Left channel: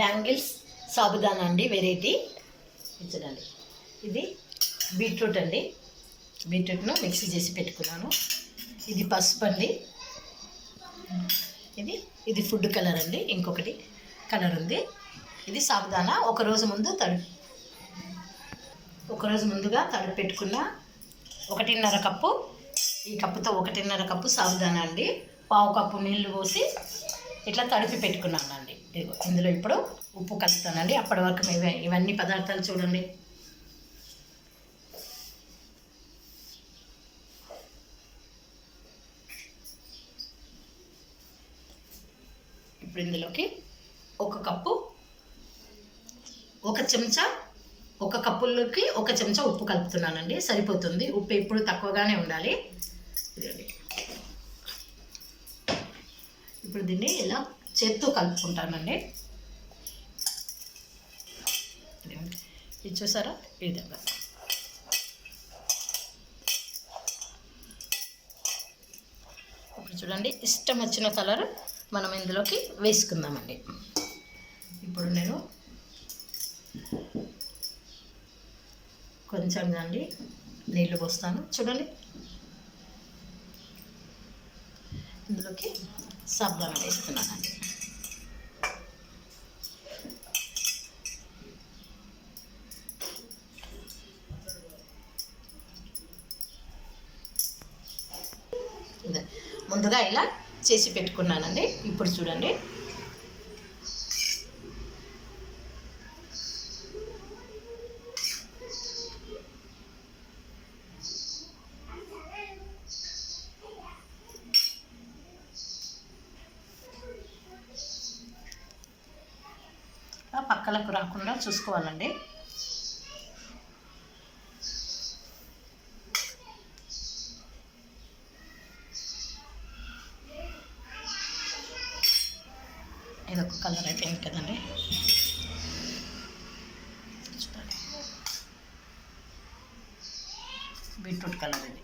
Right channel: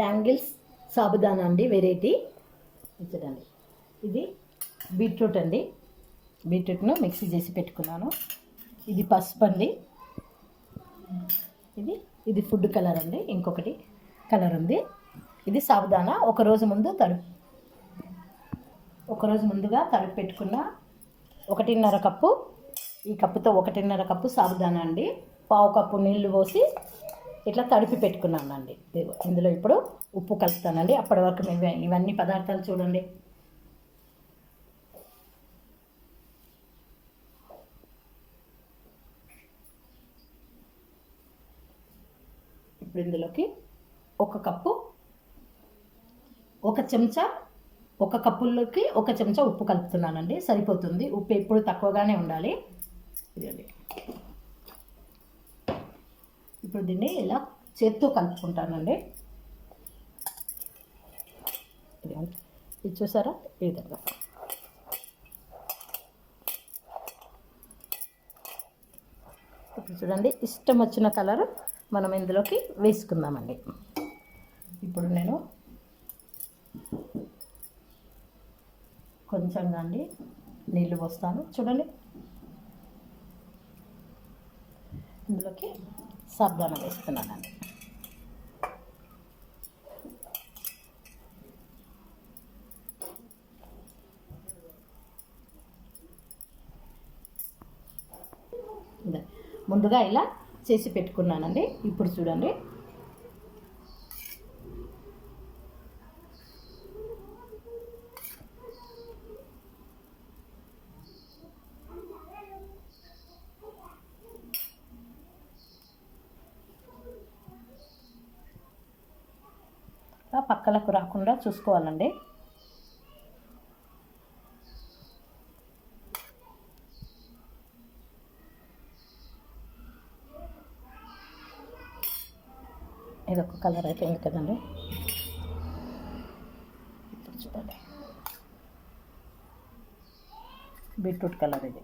Bangles sabudana అండి, variety చూడండి. ఇది బీట్రూట్ అండి, బీట్రూట్ను మిక్సీ చేసి పెట్టుకున్నాను. ఇది పసుపు అండి, ఇది ఫుడ్ కలర్ అండి, ఇంకొకటి కలర్ ఉంది. ఇది సాబుదానా ఒకరోజు ముందుగా తడిపి పెట్టుకున్న 1.5 కప్పు. ఈ కప్పుతో 1.5 కప్పు సాబుదానా అండి. 1/2 కప్పు నీళ్లు పోసి ఇట్లా తడిపి పెట్టుకున్నాను అండి. ఇందులో ఇప్పుడు ఉప్పు కలుపుతానండి. అప్పటి వరకు మేము ఇవన్నీ పదార్థాలు చూడండి. ఇప్పుడు ఇందులోకి 1 కప్పు, 1 చెంచా, 1 కప్పుల్లోకి 1 చెంచా ఉప్పు కలుపుతున్నానండి. సరిపోతుంది. ఉప్పు ఎప్పుడు తక్కువగానే ఉండాలి. ఇదండి. ఇప్పుడు దీన్ని ఇలా చేత్తో కలుపుకుంటానండి. ఇది చూసారా, ఈ విధంగా. ఇప్పుడు చూడండి, ఇష్టం వచ్చిన కలర్ మనం ఇందులోకి వేసుకుందామండి. ఇప్పుడు నేను కొంచెంగా అండి నీళ్ళు పోస్తాను. చూడండి, ఇందులోకి సాబుదానా వేస్తున్నానండి. ముందుగా ఇలా చేసి పెట్టుకున్నానండి. ఇప్పుడు చూడండి, పక్కలకు రాకుండా చూసుకోవాలండి. ఇదొక కలర్ అయిపోయింది కదండి. చూడండి, బీట్రూట్ కలర్ ఇది.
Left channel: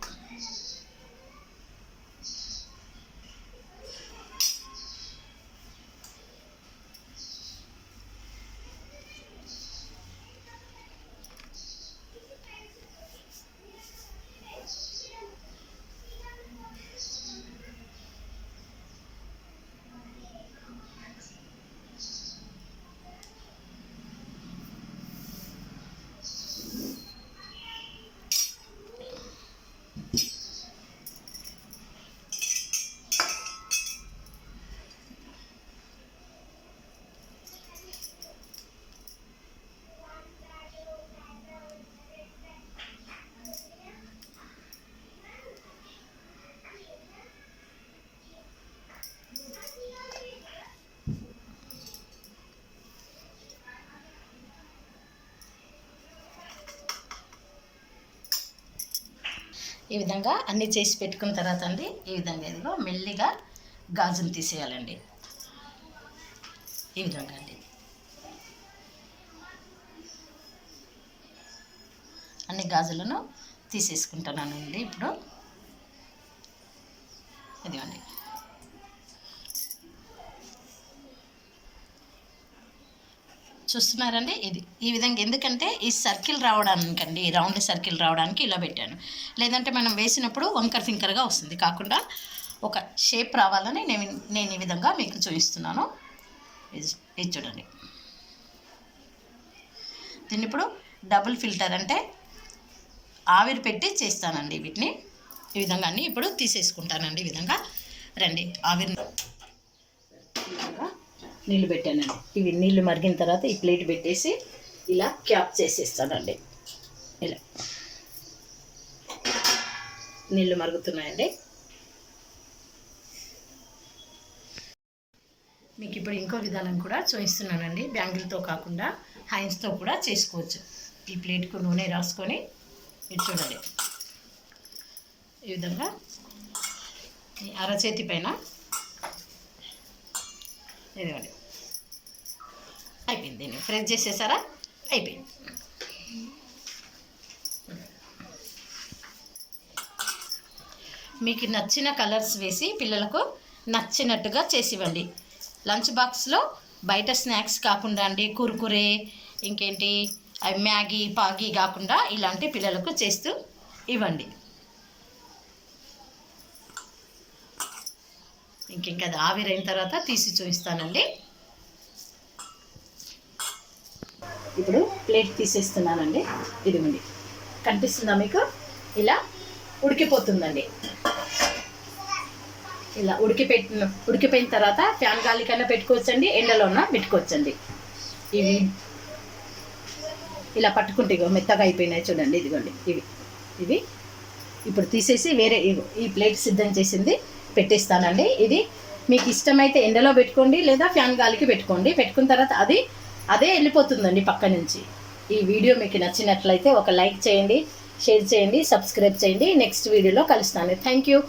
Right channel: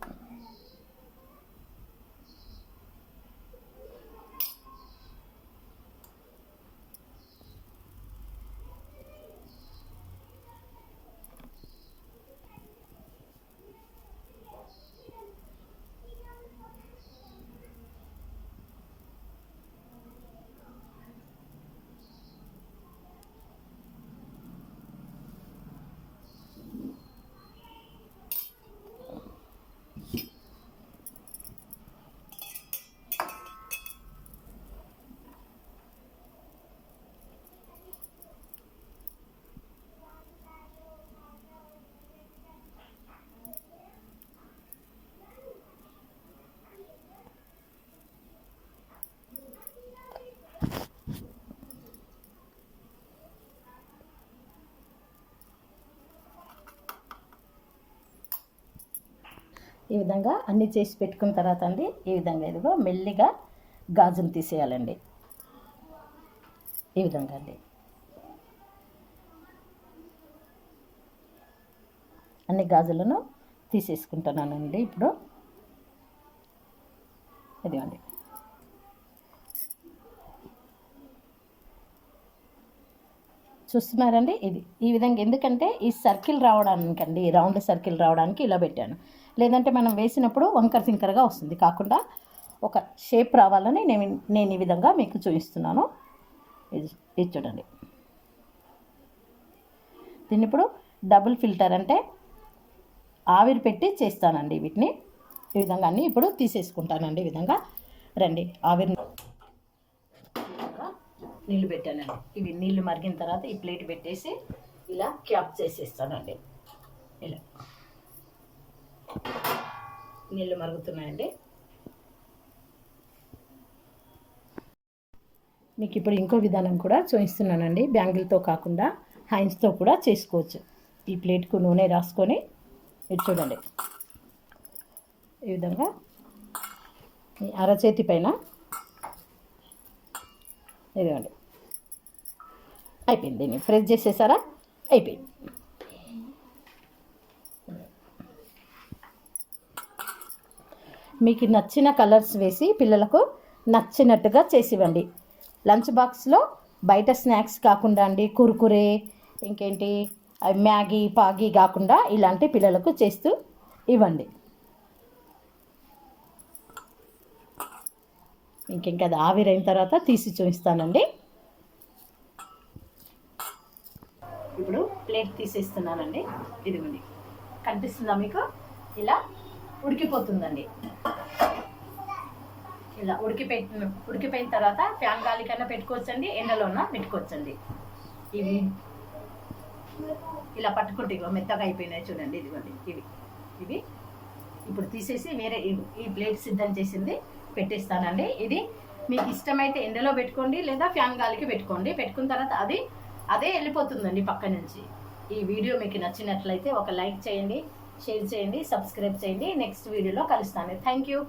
ఈ విధంగా అన్నీ చేసి పెట్టుకున్న తర్వాత అండి, ఈ విధంగా ఇదిగో మెల్లిగా గాజులు తీసేయాలండి. ఈ విధంగా అండి అన్ని గాజులను తీసేసుకుంటున్నానండి. ఇప్పుడు ఇదిగోండి, చూస్తున్నారండి. ఇది ఈ విధంగా ఎందుకంటే ఈ సర్కిల్ రావడానికండి, రౌండ్ సర్కిల్ రావడానికి ఇలా పెట్టాను. లేదంటే మనం వేసినప్పుడు వంకర ఫింకర్గా వస్తుంది. కాకుండా ఒక షేప్ రావాలని నేను ఈ విధంగా మీకు చూపిస్తున్నాను. ఇది చూడండి. దీన్ని ఇప్పుడు డబుల్ ఫిల్టర్ అంటే ఆవిరి పెట్టి చేస్తానండి. వీటిని ఈ విధంగా అన్నీ ఇప్పుడు తీసేసుకుంటానండి. ఈ విధంగా రండి, ఆవిరి నీళ్ళు పెట్టానండి. ఇవి నీళ్ళు మరిగిన తర్వాత ఈ ప్లేట్ పెట్టేసి ఇలా క్యాప్ చేసేస్తానండి. ఇలా నీళ్ళు మరుగుతున్నాయండి. మీకు ఇప్పుడు ఇంకో విధానం కూడా చూపిస్తున్నానండి. బ్యాంగిల్తో కాకుండా హైన్స్తో కూడా చేసుకోవచ్చు. ఈ ప్లేట్కు నూనె రాసుకొని ఇది చూడండి, ఈ విధంగా ఈ అరచేతి పైన ఇదిగోండి అయిపోయింది. దీన్ని ప్రెస్ చేసేసారా, అయిపోయింది. మీకు నచ్చిన కలర్స్ వేసి పిల్లలకు నచ్చినట్టుగా చేసివ్వండి. లంచ్ బాక్స్లో బయట స్నాక్స్ కాకుండా అండి, కురుకురే ఇంకేంటి అవి మ్యాగీ పాగీ కాకుండా ఇలాంటి పిల్లలకు చేస్తూ ఇవ్వండి. ఇంకింక అది ఆవిరైన తర్వాత తీసి చూపిస్తానండి. ఇప్పుడు ప్లేట్ తీసేస్తున్నానండి. ఇదిగోండి, కనిపిస్తుందా మీకు? ఇలా ఉడికిపోతుందండి. ఇలా ఉడికిపోయిన తర్వాత ఫ్యాన్ గాలి కన్నా పెట్టుకోవచ్చండి, ఎండలోన పెట్టుకోవచ్చండి. ఇవి ఇలా పట్టుకుంటే మెత్తగా అయిపోయినాయి చూడండి. ఇదిగోండి ఇవి ఇప్పుడు తీసేసి వేరే ఈ ప్లేట్ సిద్ధం చేసింది పెట్టేస్తానండి. ఇది మీకు ఇష్టమైతే ఎండలో పెట్టుకోండి, లేదా ఫ్యాన్ గాలికి పెట్టుకోండి. పెట్టుకున్న తర్వాత అదే వెళ్ళిపోతుందండి పక్క నుంచి. ఈ వీడియో మీకు నచ్చినట్లయితే ఒక లైక్ చేయండి, షేర్ చేయండి, సబ్స్క్రైబ్ చేయండి. నెక్స్ట్ వీడియోలో కలుస్తాను. Thank you.